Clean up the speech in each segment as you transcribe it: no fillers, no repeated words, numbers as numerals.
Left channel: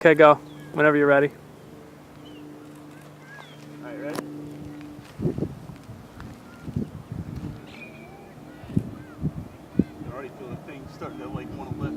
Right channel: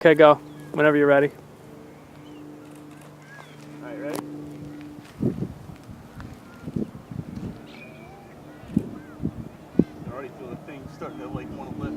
Okay, go. Whenever you're ready. All right, ready? You can already feel the thing starting to like want to lift.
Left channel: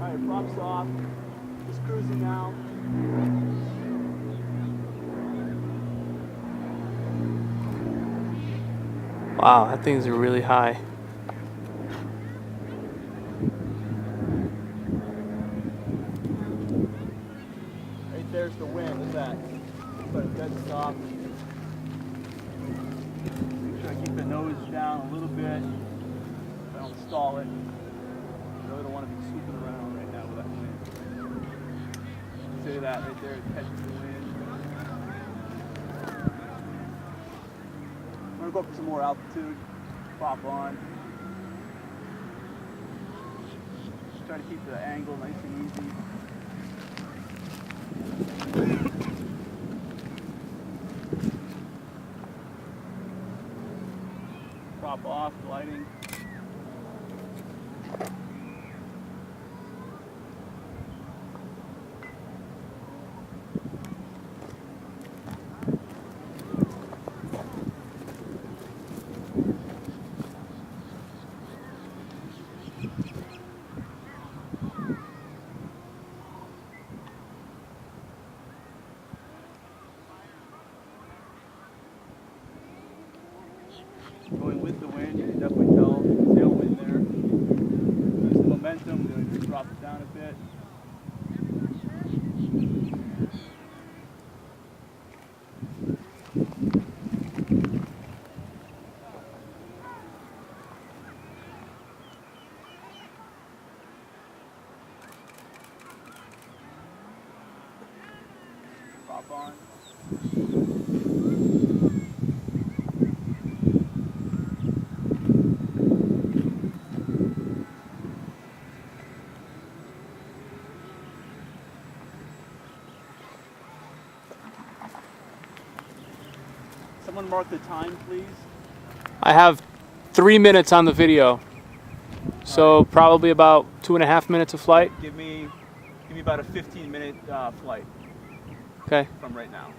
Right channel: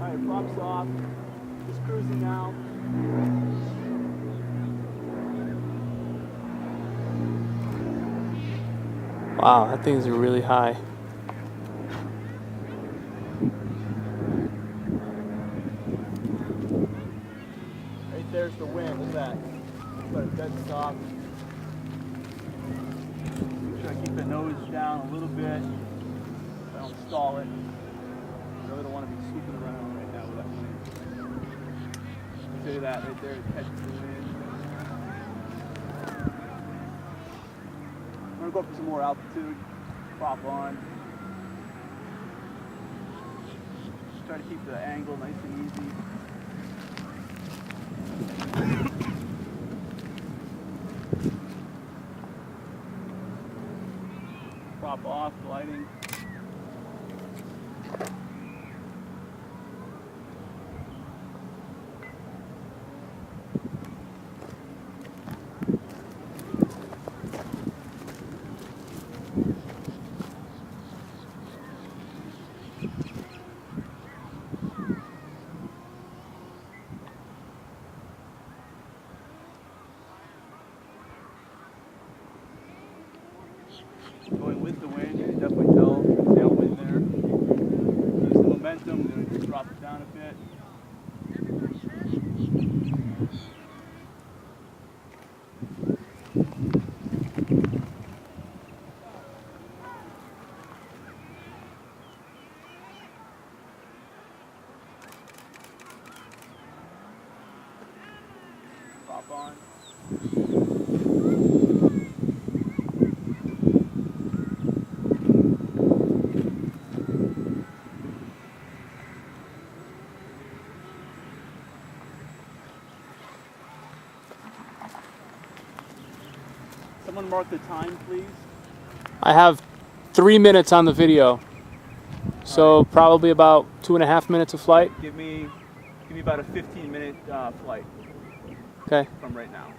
All right, props off. Just cruising now. Wow, that thing's really high. Right there's the wind. Look at that. But it's dead soft. Make sure I keep the nose down a little bit. I don't stall it. I really don't want to be swooping around right now with that wind. See that right there? It catches the wind. I'm gonna go up to some more altitude. Pop on. Just try to keep the angle nice and easy. Prop off, gliding. Going with the wind, you can definitely tell the tailwind there. Use the momentum, I'm going to drop it down a bit. Prop on. Someone mark the time, please. I have 3 minutes on the video. So probably about 2.5 minutes of flight. Give me about a 15-minute flight Okay. from right now.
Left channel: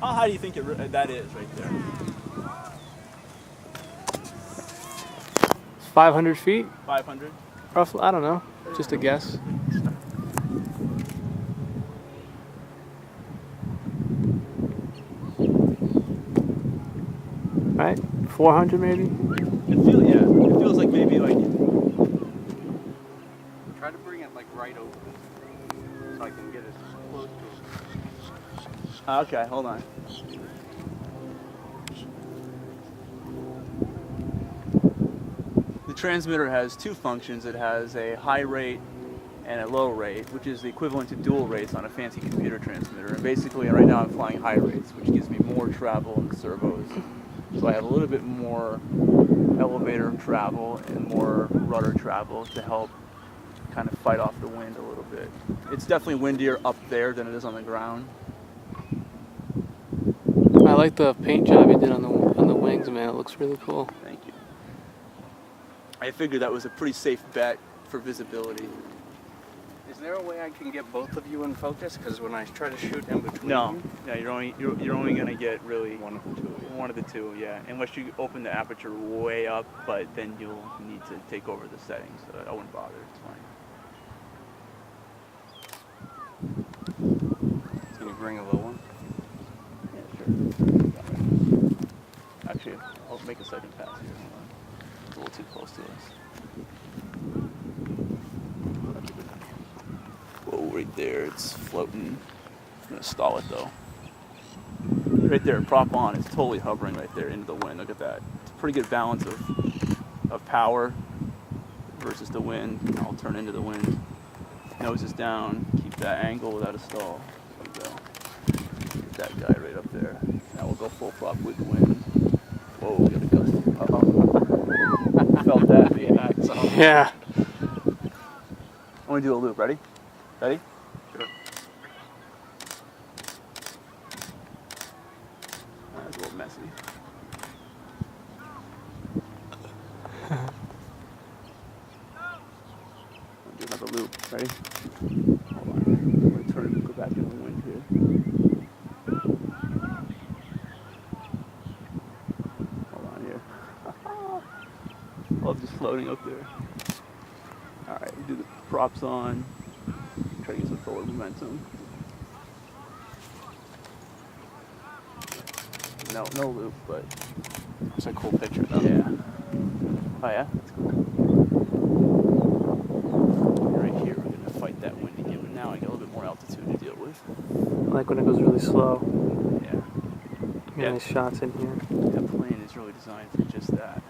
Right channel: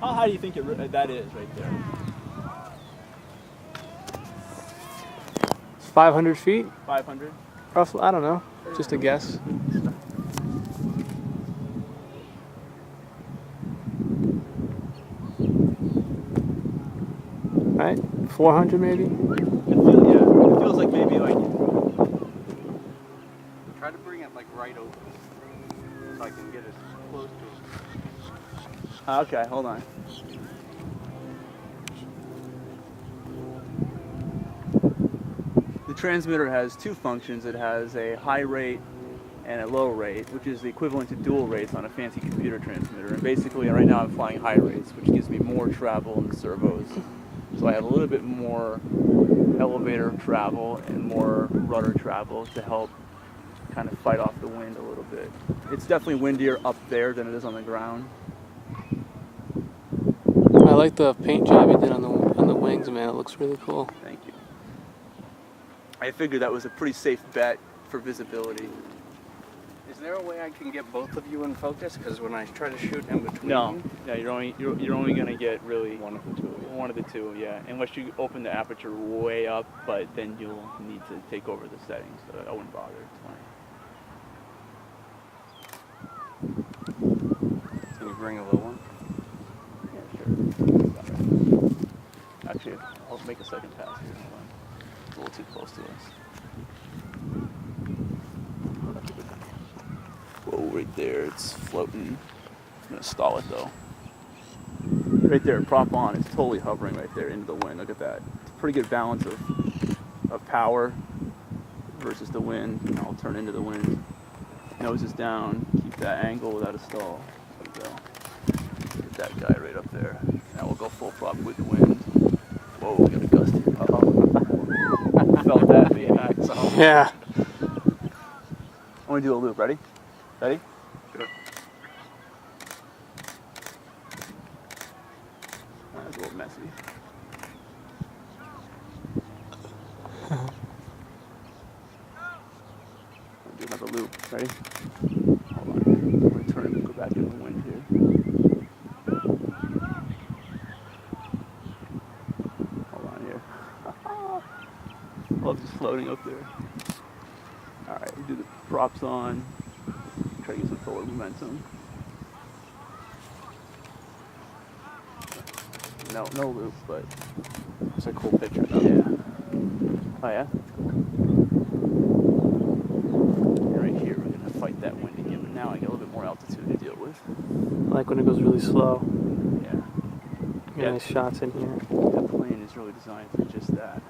How high do you think that is right there? 500 feet, 500? roughly. I don't know. Just a guess. Right? 400 maybe? It feels like maybe like. Try to bring it like right over so I can get as close to it. Okay, hold on. The transmitter has two functions. It has a high rate and a low rate, which is the equivalent to dual rates on a fancy computer transmitter. And basically, right now I'm flying high rates, which gives me more travel in the servos. So I have a little bit more elevator travel and more rudder travel to help kind of fight off the wind a little bit. It's definitely windier up there than it is on the ground. I like the paint job you did on the wings, man. It looks really cool. Thank you. I figured that was a pretty safe bet for visibility. Is there a way I can get both of you in focus? Because when I try to shoot in between No, you, yeah, you're only gonna get really one of the two. one of the two, yeah. Unless you open the aperture way up, but then you'll need to take over the settings. So I wouldn't bother. It's fine. Can you bring a low one? Yeah, sure. Got it. Actually, I'll make a second pass here. Hold on. It's a little too close to us. Whoa, right there, it's floating. gonna stall it though. Right there, prop on, it's totally hovering right there into the wind. Look at that. It's a pretty good balance of power versus the wind. And I'll turn into the wind. Nose is down, keep that angle without a stall. There we go. Get that guy right up there. Now we'll go full prop with the wind. Whoa, we got a gust here. Oh. Felt that, baby. Yeah. I'm gonna do a loop. Ready? Ready? Sure. That's a little messy. I'll do another loop. Ready? Hold on. I'm gonna turn and go back in the wind here. Hold on here. Love just floating up there. Alright, we do the props on. Try to get some forward momentum. No loop, but It's a cool picture though. yeah. Oh yeah, that's cool. Right here, we're gonna fight that wind again, but now I get a little bit more altitude to deal with. I like when it goes really slow. Yeah, Get nice shots in here. that plane is really designed for just that.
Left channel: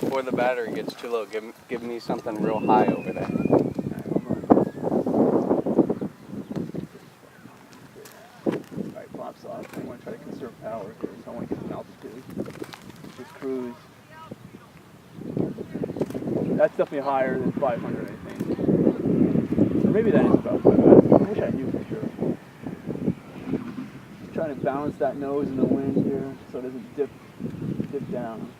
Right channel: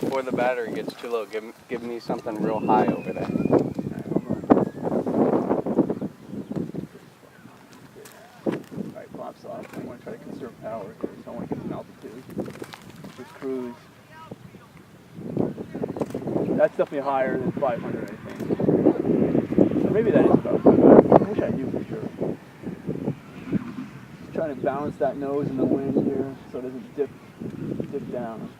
Before the battery gets too low, give me something real high over there. Alright, pops off. I want to try to conserve power here, so I want to get some altitude. Just cruise. That's definitely higher than 500, I think. Or maybe that is about 500. I wish I knew for sure. Just trying to balance that nose in the wind here so it doesn't dip down.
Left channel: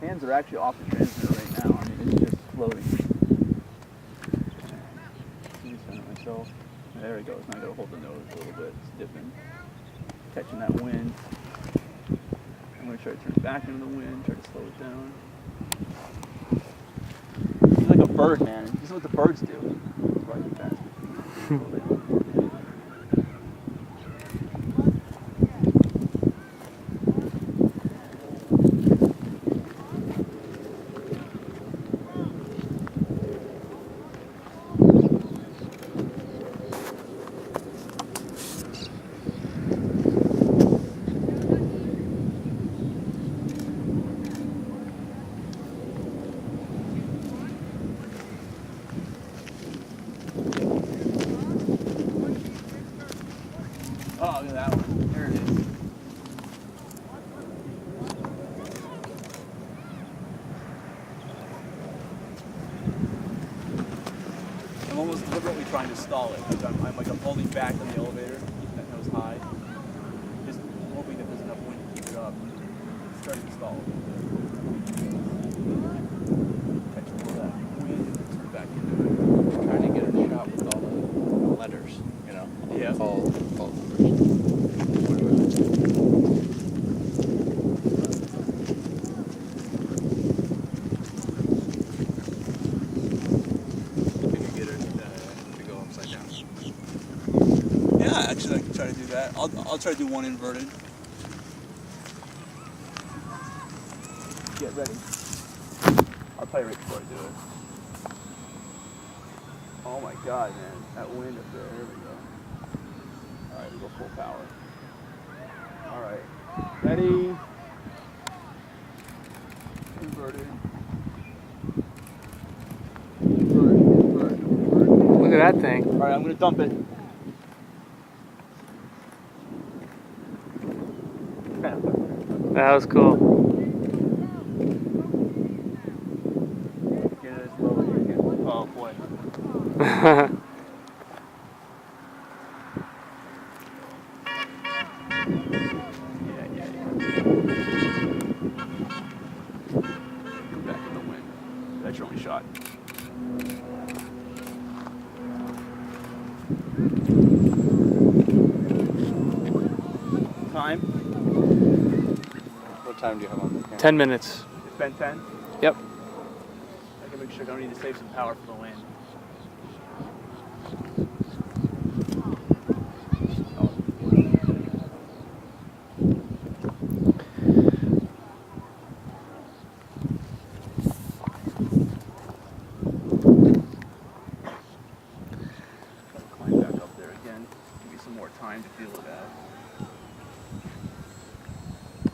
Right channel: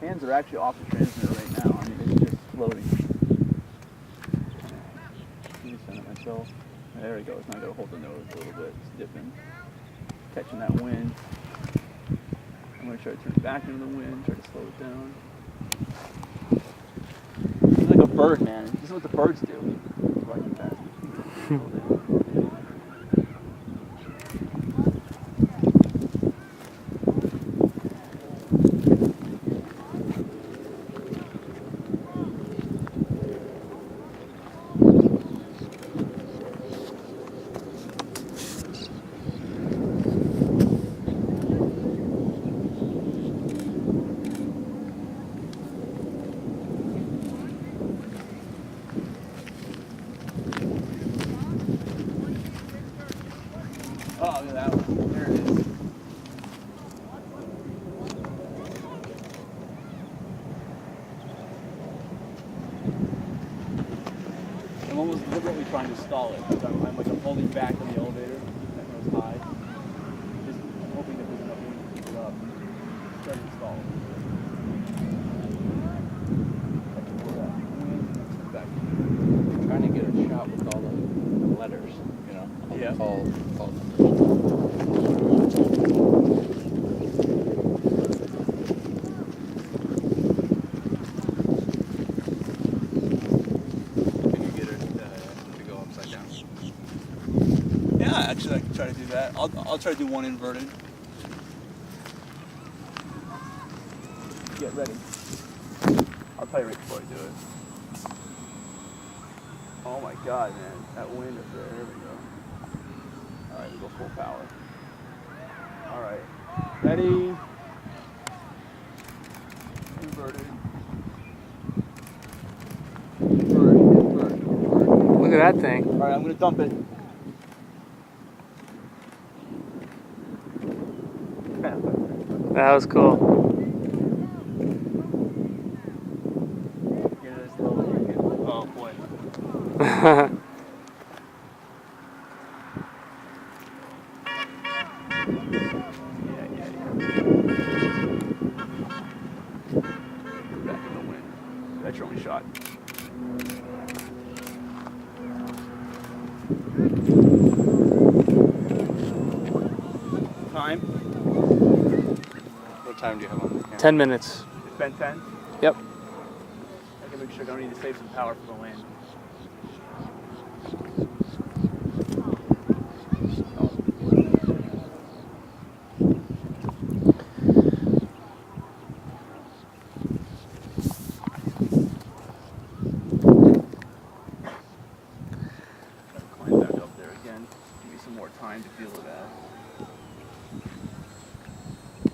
Hands are actually off the transmitter right now. I mean, it's just floating. Let me center myself. There it goes. Now I gotta hold the nose a little bit. It's dipping. Catching that wind. I'm gonna try to turn it back into the wind, try to slow it down. He's like a bird, man. This is what the birds do. That's why I keep asking. Oh, look at that one. There it is. I'm almost deliberately trying to stall it. Like I'm holding back on the elevator, keeping that nose high. Just hoping that there's enough wind to keep it up. Starting to stall it. I'm trying to get a shot with all the letters, you know, all the call numbers. Can you get it to go upside down? Yeah, actually I can try to do that. I'll try to do one inverted. Get ready. I'll tell you right before I do it. Oh my god, man. That wind up there. There we go. Alright, we go full power. Alright. Ready. Inverted. Invert. Look at that thing. Alright, I'm gonna dump it. That was cool. Get it as low as you can. Oh boy. Yeah. Go back in the wind. That's your only shot. Time? What time do you have on the camera? 10 minutes. It's been 10? Yep. quick check. I need to save some power for the wind. Climb back up there again. Give me some more time to feel it out.